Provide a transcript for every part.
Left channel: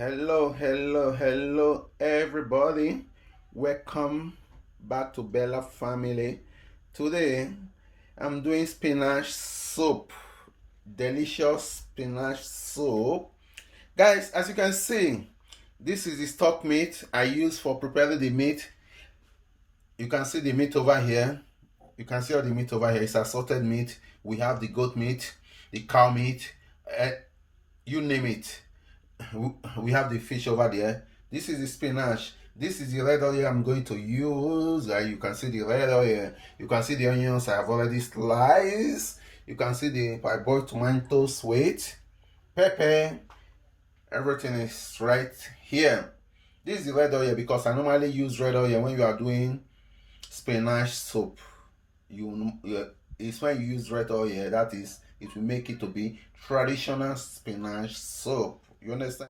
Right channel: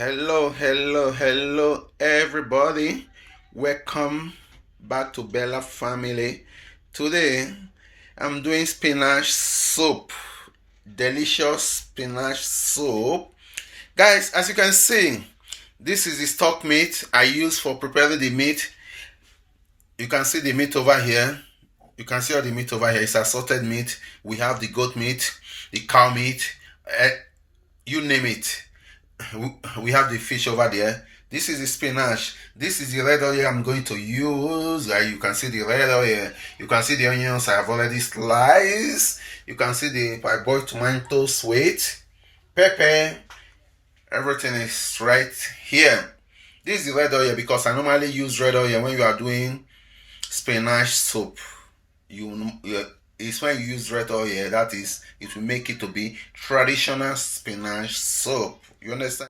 Hello, everybody. Welcome back to Bella family. Today, I'm doing spinach soup. Delicious spinach soup. Guys, as you can see, this is the stock meat I use for preparing the meat. You can see the meat over here. You can see all the meat over here. It's assorted meat. We have the goat meat, the cow meat, you name it. We have the fish over there. This is the spinach. This is the red oil I'm going to use. You can see the red oil. You can see the onions I have already sliced. You can see the parboiled tomatoes, sweet pepper. Everything is right here. This is the red oil because I normally use red oil when you are doing spinach soup. It's when you use red oil, that is, it will make it to be traditional spinach soup. You understand?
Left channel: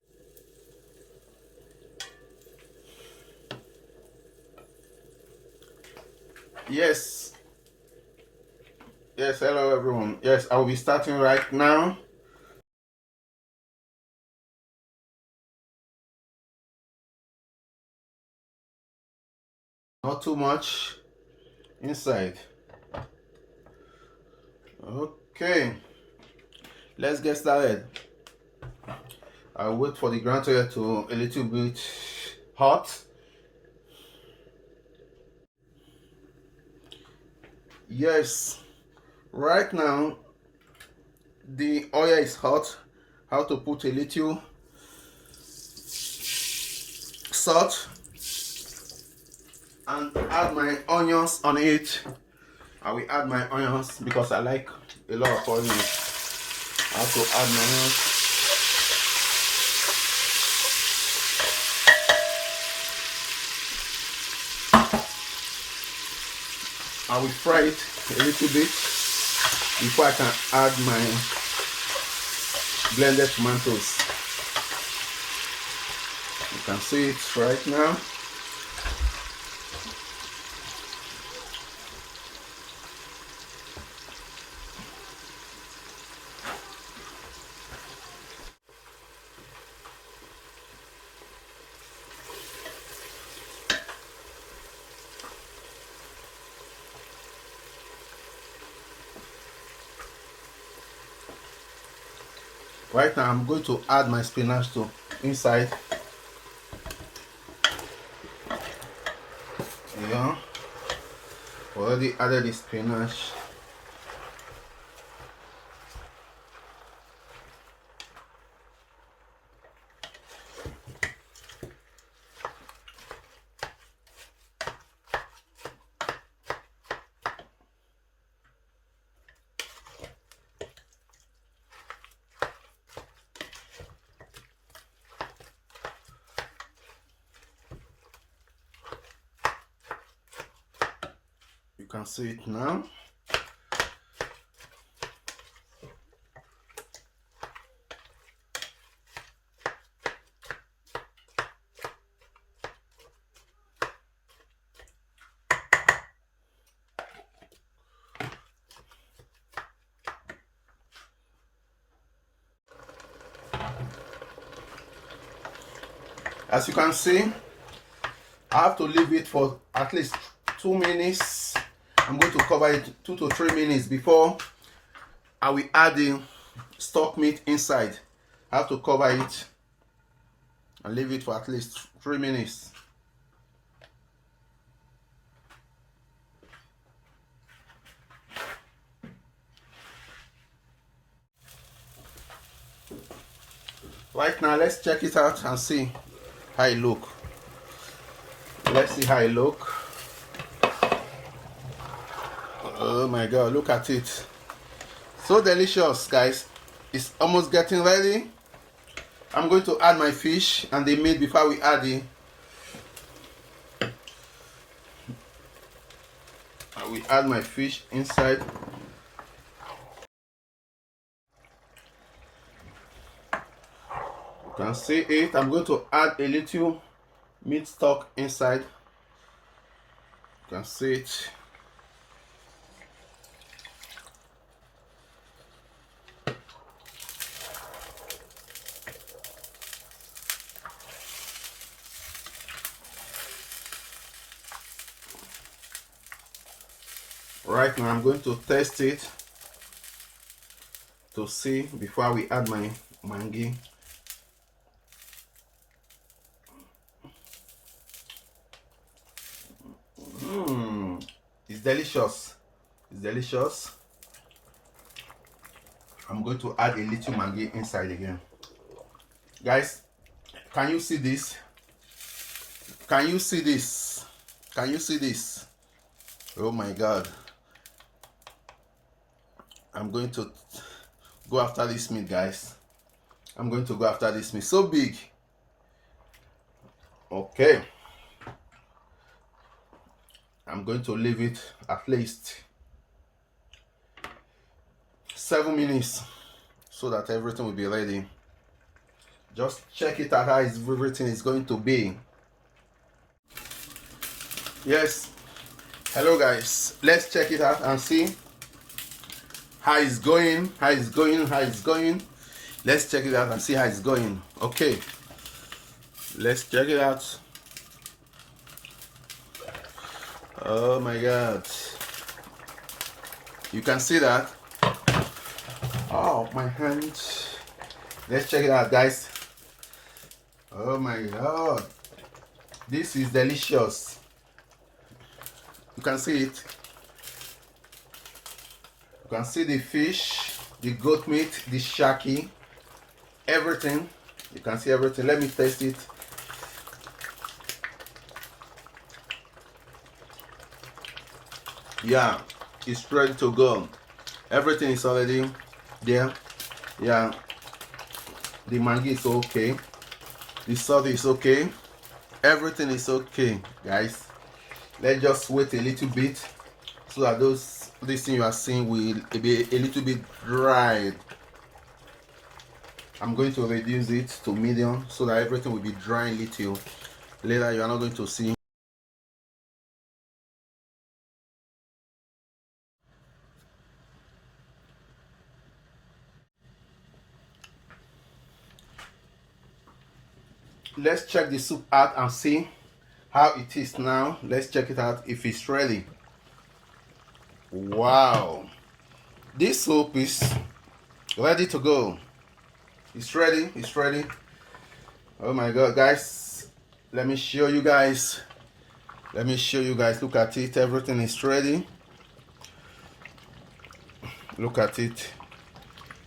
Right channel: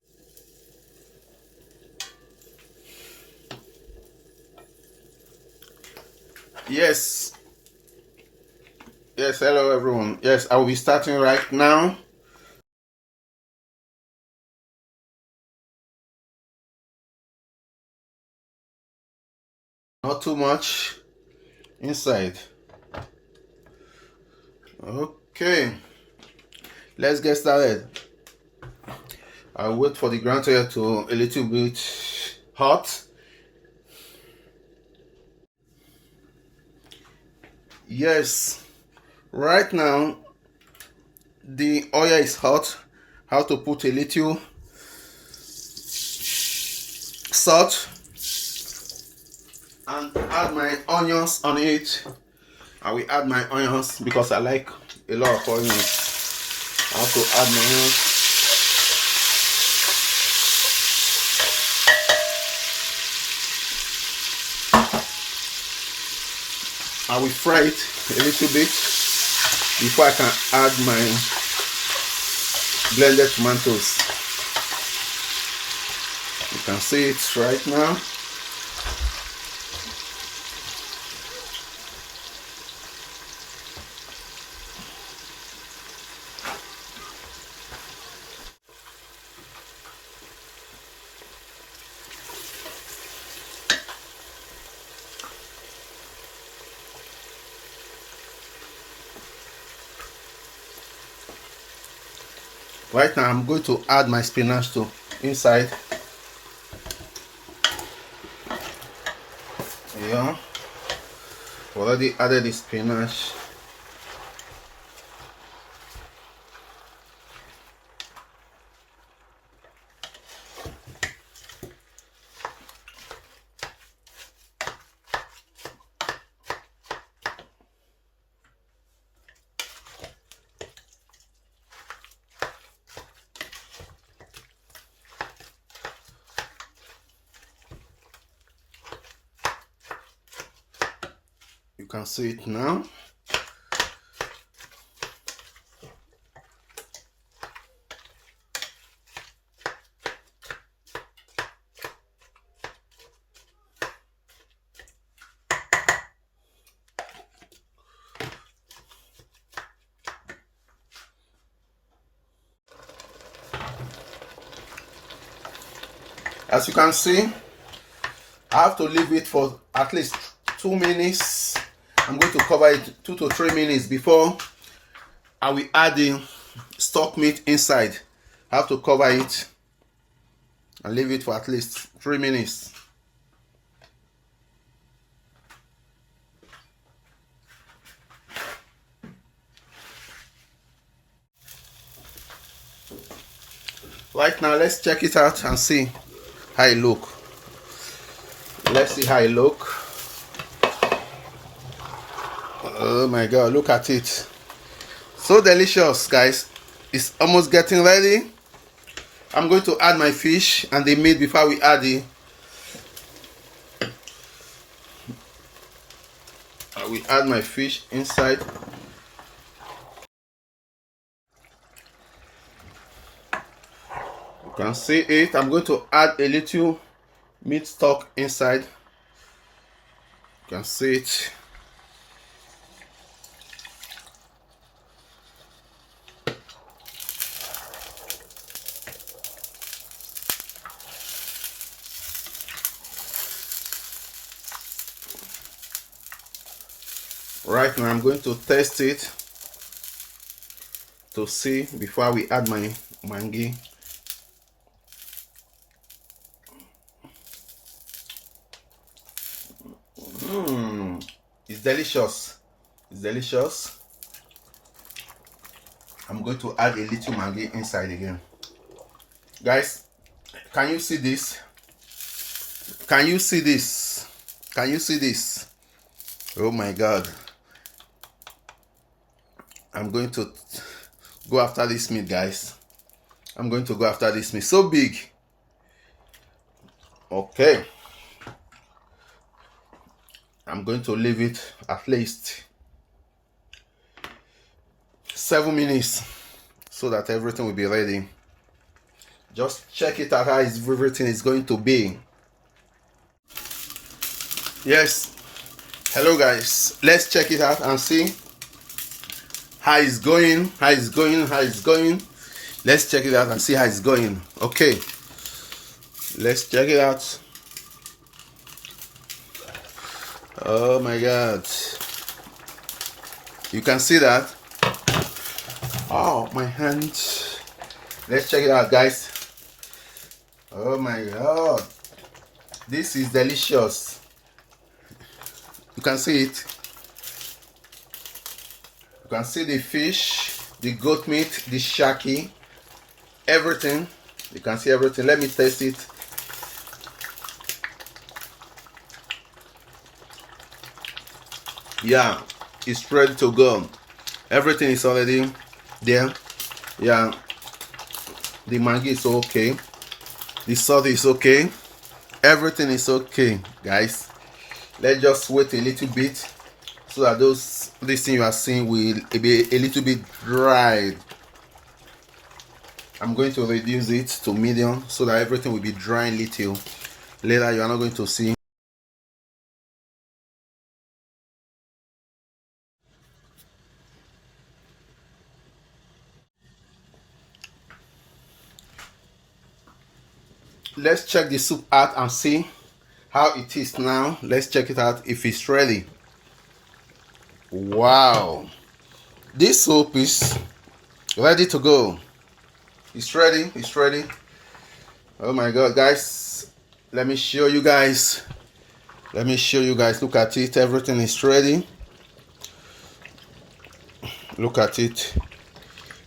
Yes. Yes, hello everyone. Yes, I will be starting right now. Not too much inside. Okay. Let's get started. I'll wait for the ground oil to a little bit hot. Yes. Right now the oil is hot. I have to put a little salt and add my onions on it. I will add my onions because I like a lot of onions. I have to add my onions. I will fry it a little bit before I can add my blended tomatoes. You can see it right now. Right now I'm going to add my spinach to inside. Yeah, already added the spinach. You can see it now. As you can see, I have to leave it for at least 2 minutes. I'm going to cover it 2 to 3 minutes before I will add the stock meat inside. I have to cover it and leave it for at least 3 minutes. Right now, let's check it out and see how it look. Let's see how it look. Oh my god, look at it. So delicious, guys. It's almost getting ready. I'm going to add my fish and the meat before we add it. I will add my fish inside. You can see it. I'm going to add a little meat stock inside. You can see it. Right now I'm going to test it to see before we add my Maggi. It's delicious. It's delicious. I'm going to add a little Maggi inside again. Guys, can you see this? Can you see this? Can you see this? Oh my God. I'm going to go after this meat, guys. I'm going to go after this meat. So big. Okay. I'm going to leave it at least 7 minutes so that everything will be ready. Just check it out how everything is going to be. Yes. Hello guys. Let's check it out and see how it's going. How it's going. How it's going. Let's check it out and see how it's going. Okay. Let's check it out. Oh my God. You can see that. Oh, my hand. Let's check it out, guys. Oh my God. This is delicious. You can see it. You can see the fish, the goat meat, the shaki, everything. You can see everything. Let me taste it. Yeah, it's ready to go. Everything is already there. Yeah, the Maggi is okay. The salt is okay. Everything is okay, guys. Let's just wait a little bit so that this thing you are seeing will be a little bit dry. I'm going to reduce it to medium so that everything will be dry a little. Later you are not going to see. Let's check the soup out and see how it is now. Let's check it out if it's ready. Wow, this soup is ready to go. It's ready. It's ready. Oh my God, guys, let me show you guys. Let me show you guys. Look at it. Everything is ready. Look at it.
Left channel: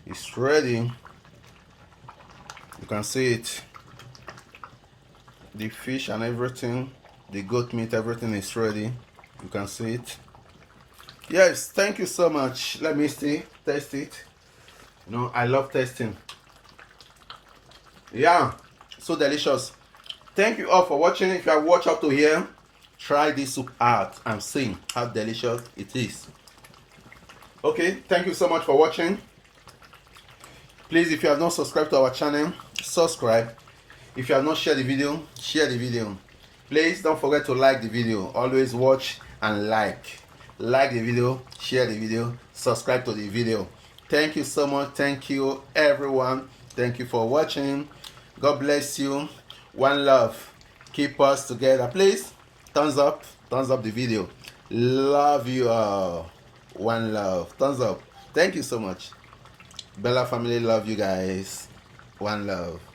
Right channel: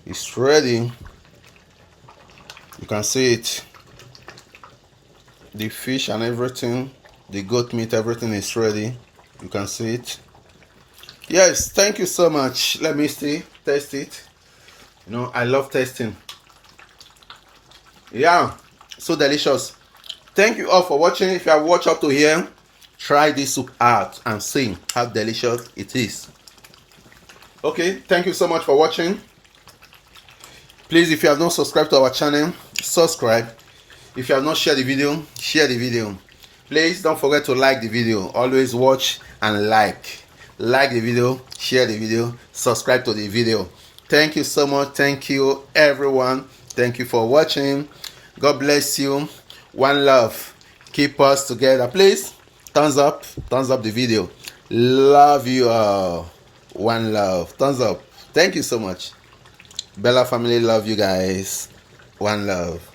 It's ready. You can see it. The fish and everything, the goat meat, everything is ready. You can see it. Yes, thank you so much. Let me see, taste it. You know, I love tasting. Yeah, so delicious. Thank you all for watching. If you have watched up to here, try this soup out and see how delicious it is. Okay, thank you so much for watching. Please, if you have not subscribed to our channel, subscribe. If you have not shared the video, share the video. Please don't forget to like the video. Always watch and like. Like the video, share the video, subscribe to the video. Thank you so much. Thank you everyone. Thank you for watching. God bless you. One love. Keep us together. Please thumbs up the video. Love you all. One love. Thumbs up. Thank you so much. Bella family, love you guys. One love.